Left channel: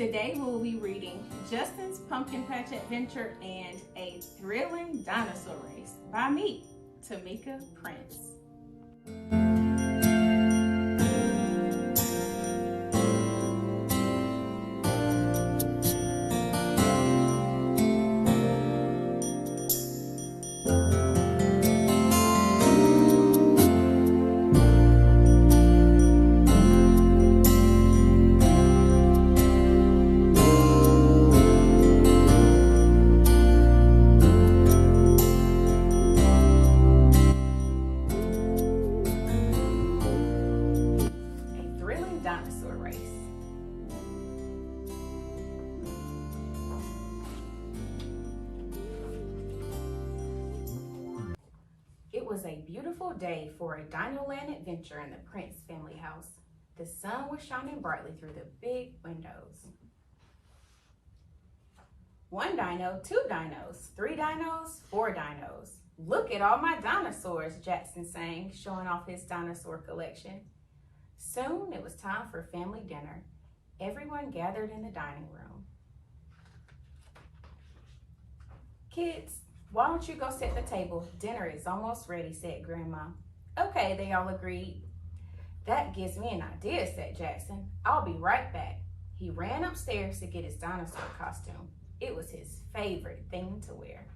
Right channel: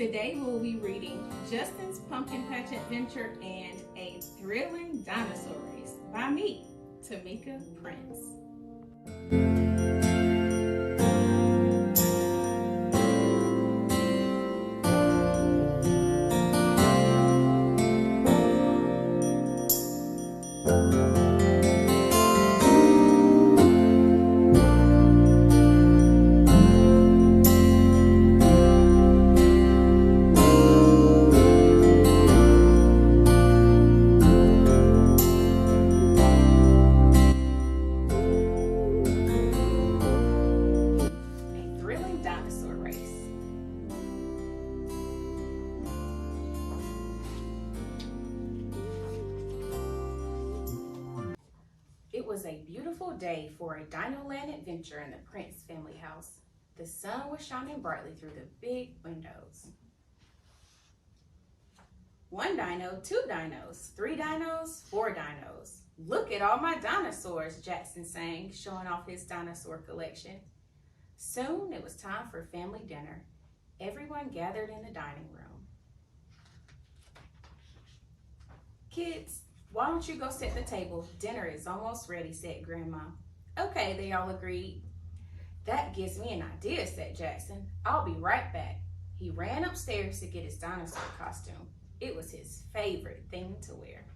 Today we'll be reading Justin's Pumpkin Patch Adventure and A Thrilling Dinosaur Race by me, Tamika Prince. Dinosaur race. It was a beautiful day for a Dinoland adventure in the Prince family house. The sun was shining brightly through the big windows. One dino, two dinos, three dinos, four dinos. Look at all my dinosaurs, Jackson sang, showing off his dinosaur collection. Soon it was time for family dinner. Everyone gathered in the dining room. Kids, why don't you go set the table? Dinner is almost ready, said Grandma. Okay, they all agreed. That gives me an idea, said Jackson. I'll be right back. He ran upstairs to get his dinosaur costume. It was his favorite thing to wear.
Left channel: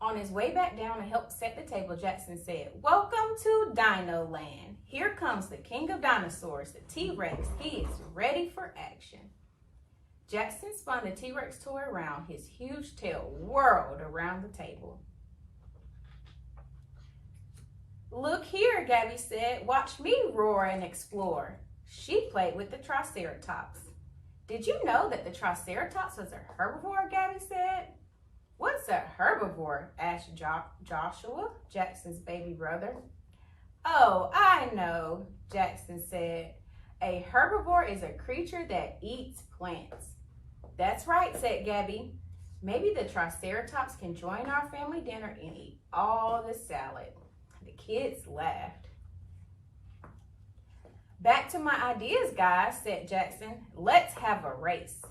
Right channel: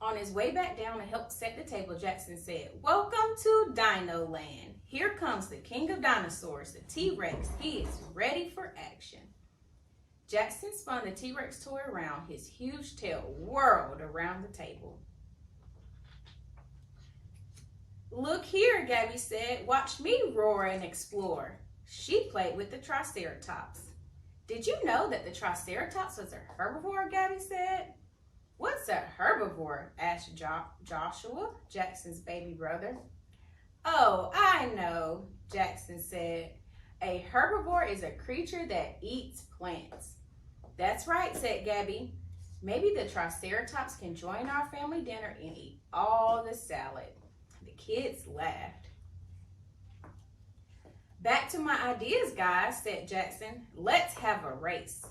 On his way back down to help set the table, Jackson said, "Welcome to Dino Land. Here comes the king of dinosaurs, the T-Rex. He is ready for action." Jackson spun the T-Rex toy around. His huge tail whirled around the table. "Look here," Gabby said. "Watch me roar and explore." She played with the Triceratops. "Did you know that the Triceratops was a herbivore?" Gabby said. "What's a herbivore?" asked Joshua, Jackson's baby brother. "Oh, I know," Jackson said. "A herbivore is a creature that eats plants." "That's right," said Gabby. "Maybe the Triceratops can join our family dinner and eat all the salad." The kids laughed. "Back to my ideas, guys," said Jackson. "Let's have a race.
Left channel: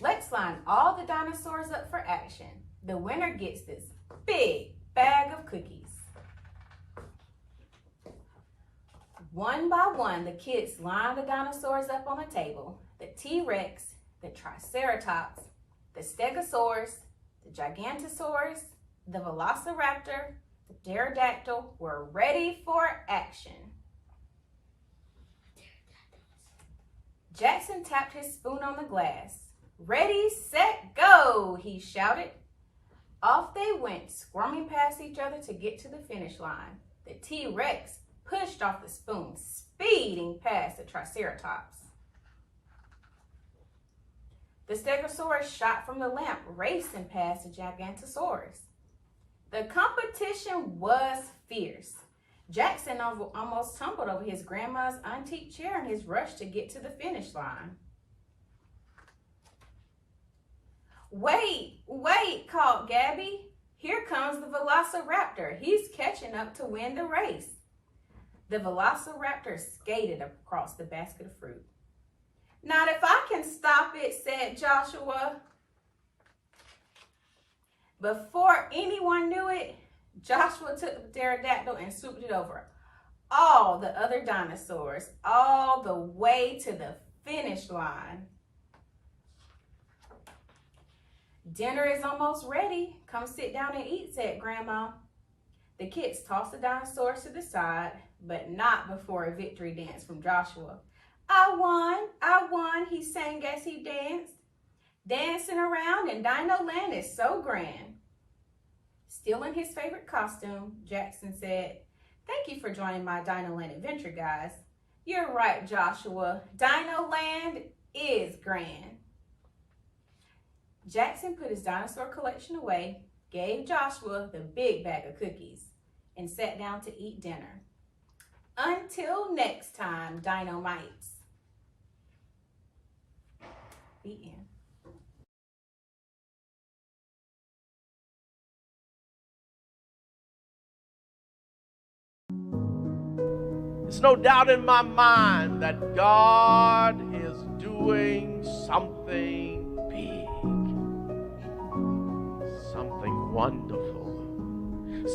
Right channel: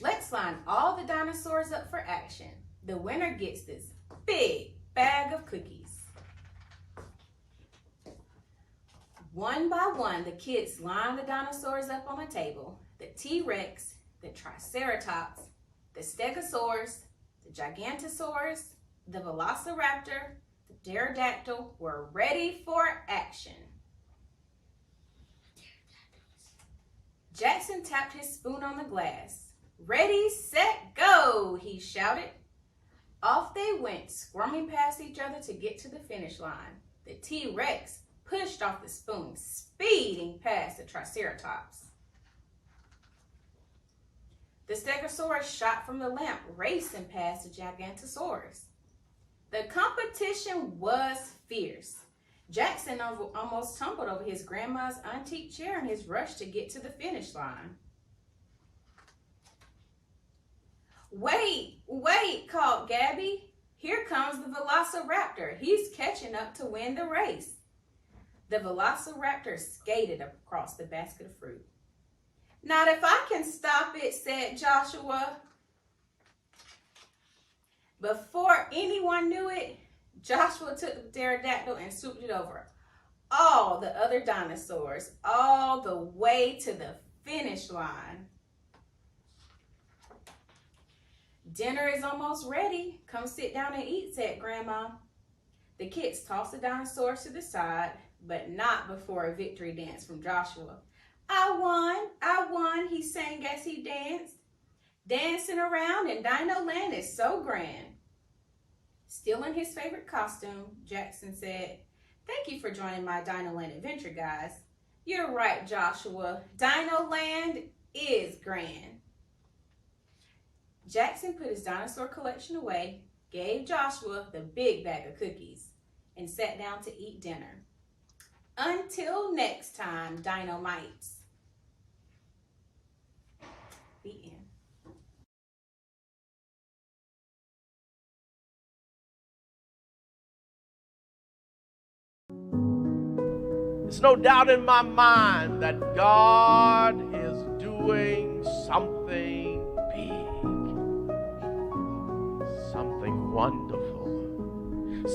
Let's line all the dinosaurs up for action. The winner gets this big bag of cookies." One by one, the kids lined the dinosaurs up on the table. The T-Rex, the Triceratops, the Stegosaurus, the Gigantosaurus, the Velociraptor, the Pterodactyl were ready for action. Jackson tapped his spoon on the glass. "Ready, set, go," he shouted. Off they went, squirming past each other to get to the finish line. The T-Rex pushed off the spoon, speeding past the Triceratops. The Stegosaurus shot from the lamp, racing past the Gigantosaurus. The competition was fierce. Jackson almost tumbled over his grandma's antique chair in his rush to get to the finish line. Wait, called Gabby. "Here comes the Velociraptor. He's catching up to win the race." The Velociraptor skated across the basket of fruit. "Not if I can stop it," said Joshua. Before anyone knew it, Joshua took the pterodactyl and swooped it over all the other dinosaurs, all the way to the finish line. "Dinner is almost ready. Come sit down and eat," said Grandma. The kids tossed the dinosaurs to the side, but not before a victory dance from Joshua. I won, he sang as he danced. "Dancing around in Dino Land is so grand." Still in his favorite costume, Jackson said, "Thank you for joining my Dino Land adventure, guys." "You're right, Joshua. Dino Land is grand." Jackson put his dinosaur collection away, gave Joshua the big bag of cookies, and sat down to eat dinner. Until next time, Dino-mites. The end. It's no doubt in my mind that God is doing something big, something wonderful,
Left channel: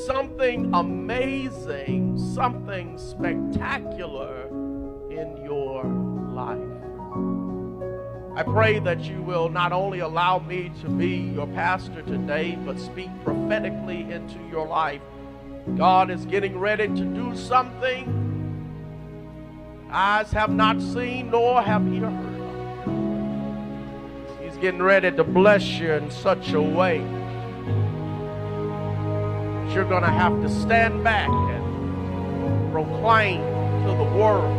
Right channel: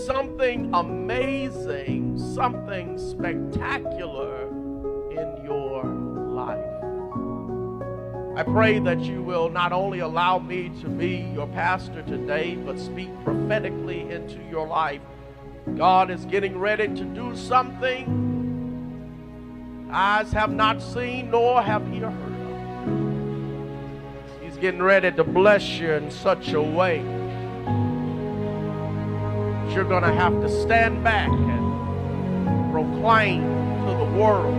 something amazing, something spectacular in your life. I pray that you will not only allow me to be your pastor today, but speak prophetically into your life. God is getting ready to do something eyes have not seen nor have ear heard of. He's getting ready to bless you in such a way that you're going to have to stand back and proclaim to the world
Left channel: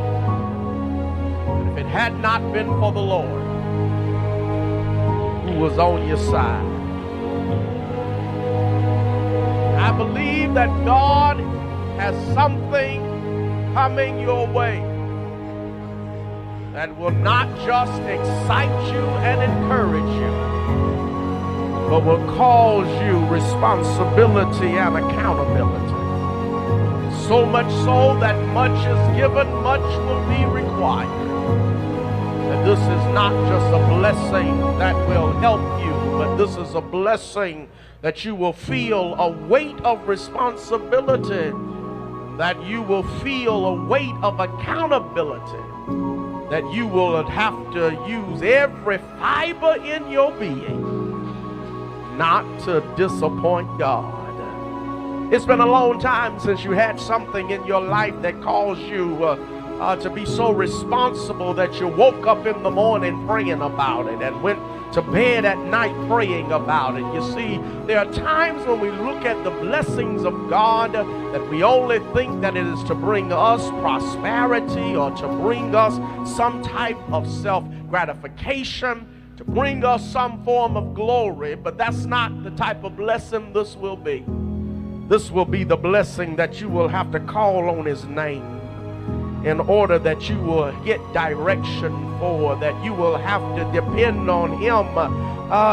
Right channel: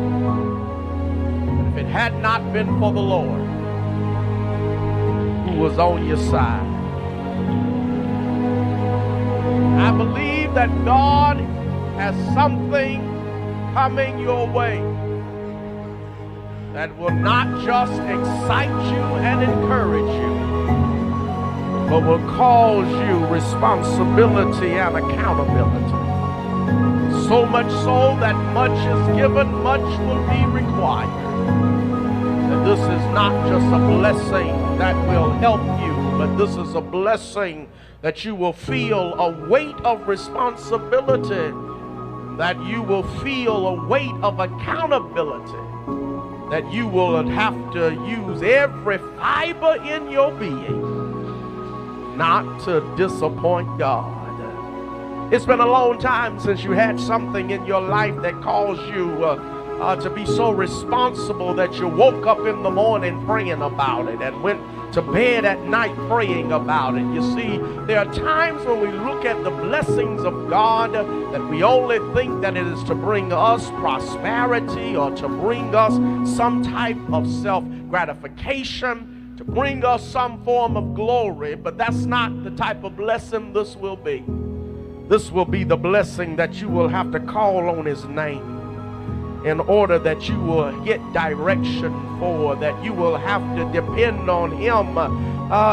that if it had not been for the Lord who was on your side. I believe that God has something coming your way that will not just excite you and encourage you, but will cause you responsibility and accountability. So much so that much is given, much will be required. And this is not just a blessing that will help you, but this is a blessing that you will feel a weight of responsibility, that you will feel a weight of accountability, that you will have to use every fiber in your being not to disappoint God. It's been a long time since you had something in your life that caused you to be so responsible that you woke up in the morning praying about it and went to bed at night praying about it. You see, there are times when we look at the blessings of God that we only think that it is to bring us prosperity or to bring us some type of self-gratification, to bring us some form of glory, but that's not the type of blessing this will be. This will be the blessing that you will have to call on His name in order that you will get direction for, that you will have to depend on Him,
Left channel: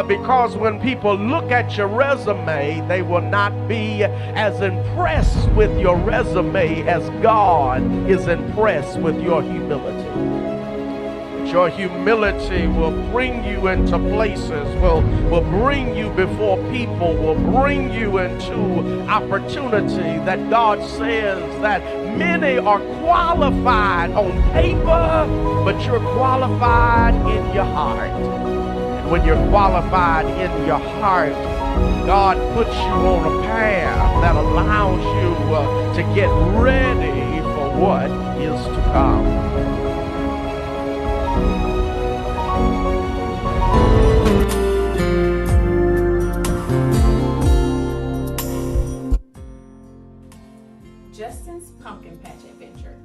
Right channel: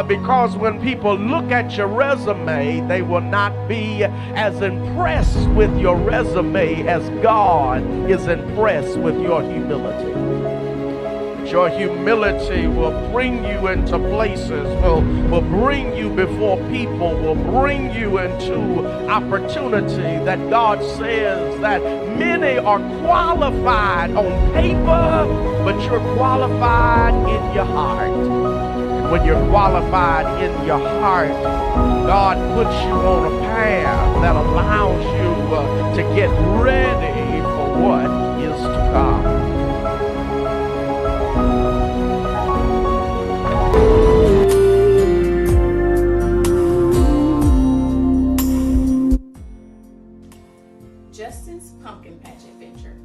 because when people look at your resume, they will not be as impressed with your resume as God is impressed with your humility. Your humility will bring you into places, will bring you before people, will bring you into opportunity that God says that many are qualified on paper, but you're qualified in your heart. And when you're qualified in your heart, God puts you on a path that allows you to get ready for what is to come. Justin's Pumpkin Patch Adventure.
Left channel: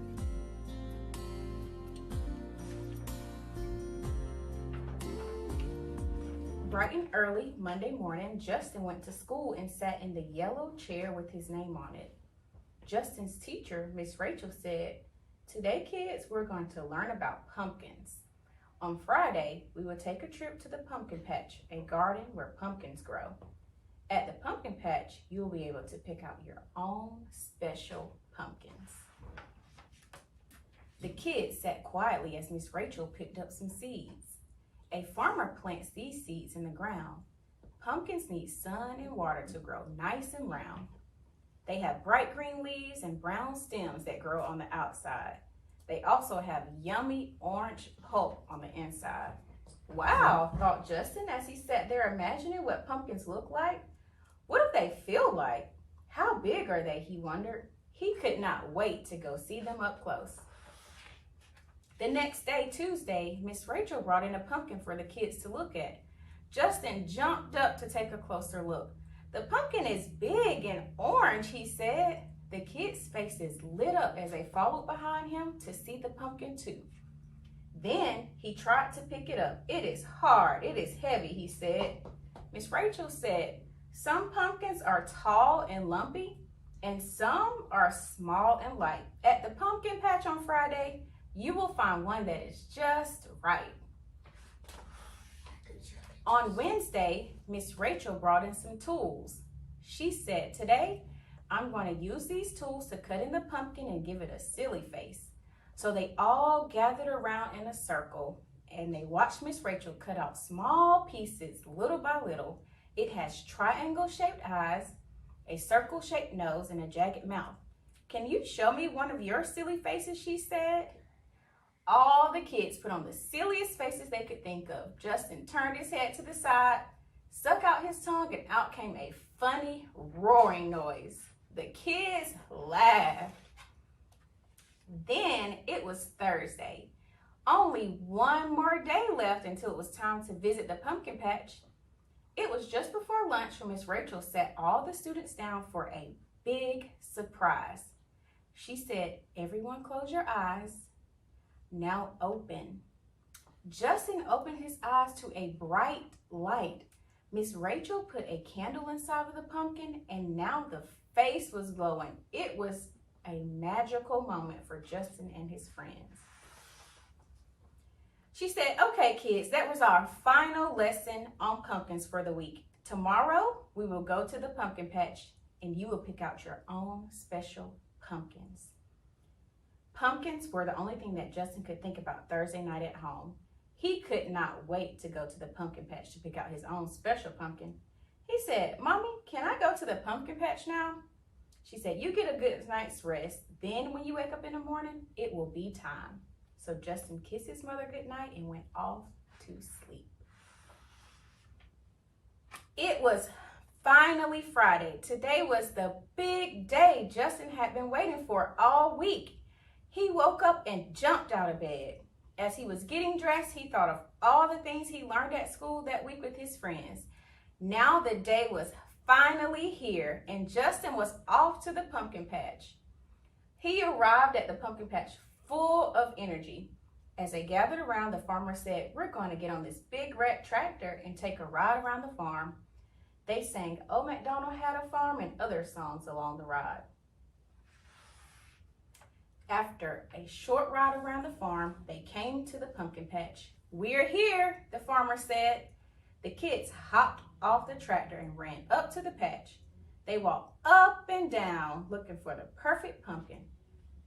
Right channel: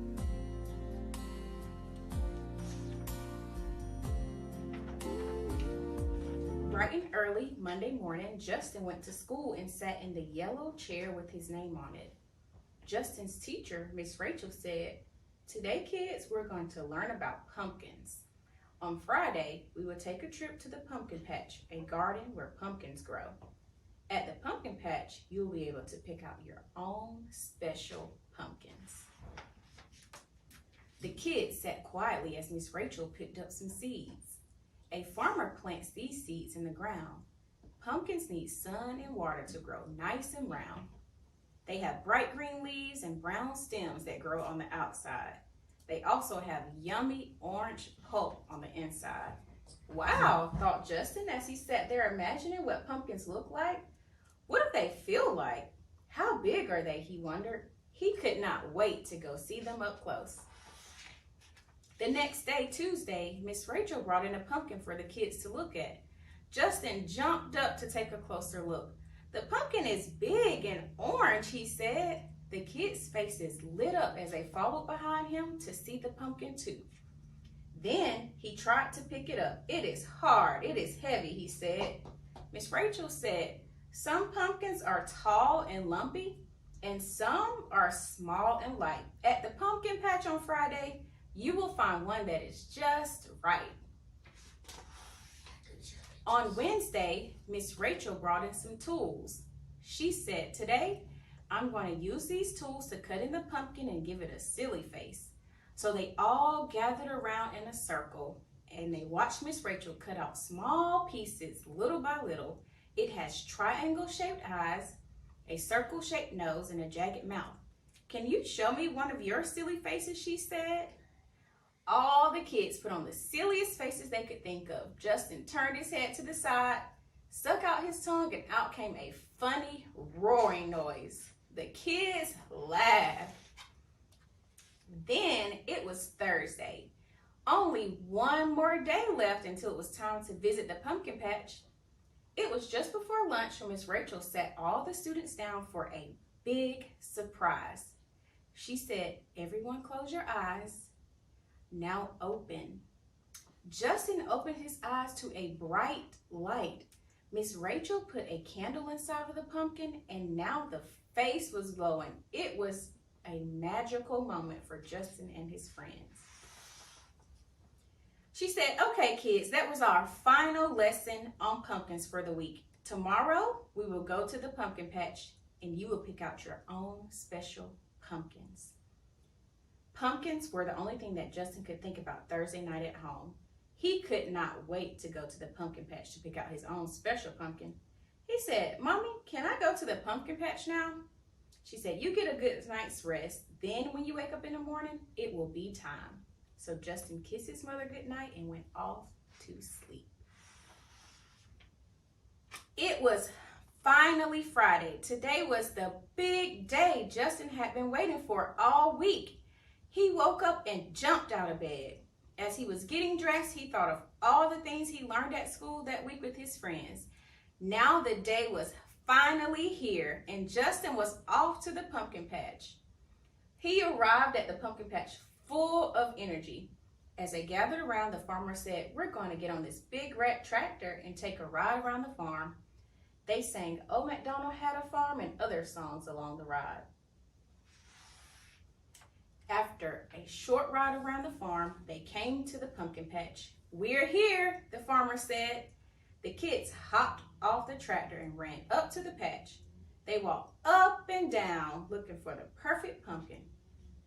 Bright and early Monday morning, Justin went to school and sat in the yellow chair with his name on it. Justin's teacher, Miss Rachel, said, "Today, kids, we're going to learn about pumpkins. On Friday, we will take a trip to the pumpkin patch, a garden where pumpkins grow. At the pumpkin patch, you'll be able to pick out your own special pumpkins." The kids sat quietly as Miss Rachel picked up some seeds. A farmer plants these seeds in the ground. Pumpkins need sun and water to grow nice and round. They have bright green leaves and brown stems that grow on the outside. They also have yummy orange pulp on the inside. Wow, thought Justin as he sat there imagining what pumpkins look like. What do they feel like? How big are they, he wondered. He could not wait to go see them up close. The next day, Tuesday, Miss Rachel brought in a pumpkin for the kids to look at. Justin jumped up to take a closer look. "The pumpkin is big and orange," he said. The kids' faces lit up as they followed behind him to see the pumpkin too. Then he tried to pick it up. "It is hard, it is heavy," he said. Miss Rachel said, "Some pumpkins are tall and lumpy, and some are small and light. At the pumpkin patch on Friday, you will find one that is just right." On Wednesday, Miss Rachel brought in some tools. She said, "Today, I'm going to use these tools to cut in the pumpkin and give it a silly face." So they all gathered around in a circle and they watched Miss Rachel cut out small pieces little by little. It has triangle-shaped eyes, a circle-shaped nose, and a jagged mouth. Can you show me one of your silly faces, she said. All the kids put on the silliest faces they could think of. Justin turned his head to the side, stuck out his tongue, and out came a funny roaring noise. The kids laughed. Then it was Thursday. Only one more day left until it was time to visit the pumpkin patch. It was just before lunch when Miss Rachel sat all the students down for a big surprise. She said, "Everyone close your eyes. Now open." Justin opened his eyes to a bright light. Miss Rachel put a candle inside of the pumpkin, and now the face was glowing. It was a magical moment for Justin and his friends. She said, "Okay, kids, that was our final lesson on pumpkins for the week. Tomorrow, we will go to the pumpkin patch, and you will pick out your own special pumpkins." Pumpkins were the only thing that Justin could think about Thursday night at home. He could not wait to go to the pumpkin patch to pick out his own special pumpkin. He said, "Mommy, can I go to the pumpkin patch now?" She said, "You get a good night's rest. Then when you wake up in the morning, it will be time." So Justin kissed his mother goodnight and went off to sleep. It was finally Friday. Today was the big day Justin had been waiting for all week. He woke up and jumped out of bed. As he was getting dressed, he thought of all the things he learned at school that week with his friends. Now the day was finally here, and Justin was off to the pumpkin patch. He arrived at the pumpkin patch full of energy. As they gathered around, the farmer said, "We're going to get on this big red tractor and take a ride around the farm." They sang "Old MacDonald Had a Farm" and other songs along the ride. After a short ride around the farm, they came to the pumpkin patch. "We're here," the farmer said. The kids hopped off the tractor and ran up to the patch. They walked up and down looking for the perfect pumpkin.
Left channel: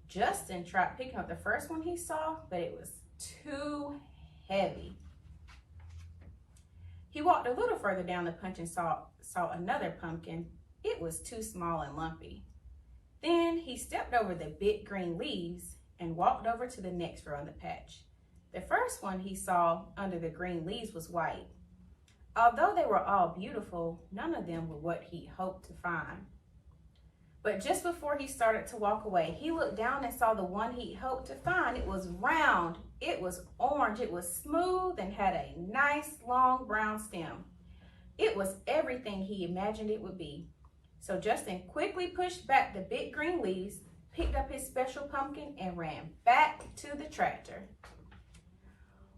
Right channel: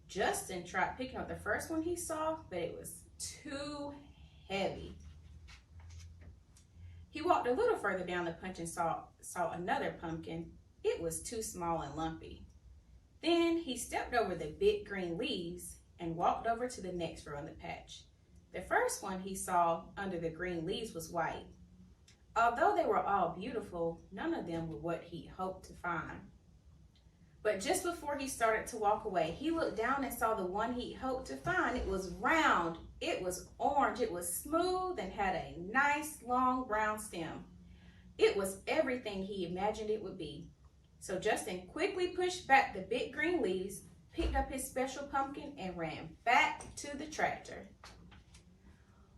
Justin tried picking up the first one he saw, but it was too heavy. He walked a little further down the patch and saw another pumpkin. It was too small and lumpy. Then he stepped over the big green leaves and walked over to the next row in the patch. The first one he saw under the green leaves was white. Although they were all beautiful, none of them were what he hoped to find. But just before he started to walk away, he looked down and saw the one he hoped to find. It was round, it was orange, it was smooth, and had a nice long brown stem. It was everything he imagined it would be. So Justin quickly pushed back the big green leaves, picked up his special pumpkin, and ran back to the tractor.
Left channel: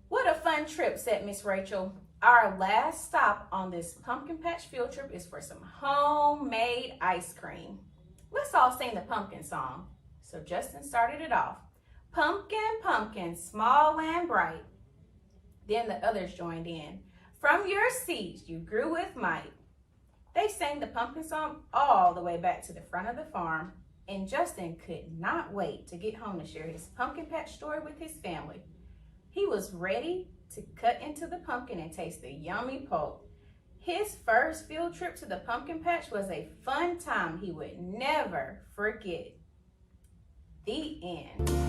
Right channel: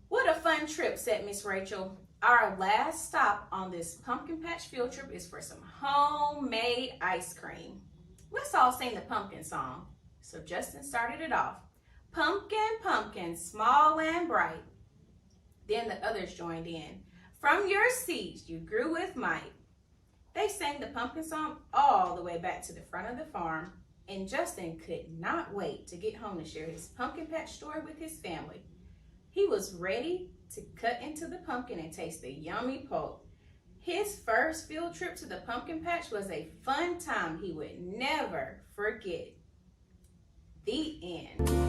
"What a fun trip," said Miss Rachel. "Our last stop on this pumpkin patch field trip is for some homemade ice cream. Let's all sing the pumpkin song." So Justin started it off. "Pumpkin, pumpkin, small and bright." Then the others joined in. "From your seeds you grew with might." They sang the pumpkin song all the way back to the front of the farm, and Justin could not wait to get home to share his pumpkin patch story with his family. He was ready to cut into the pumpkin and taste the yummy pulp. His first field trip to the pumpkin patch was a fun time he would never forget. The end.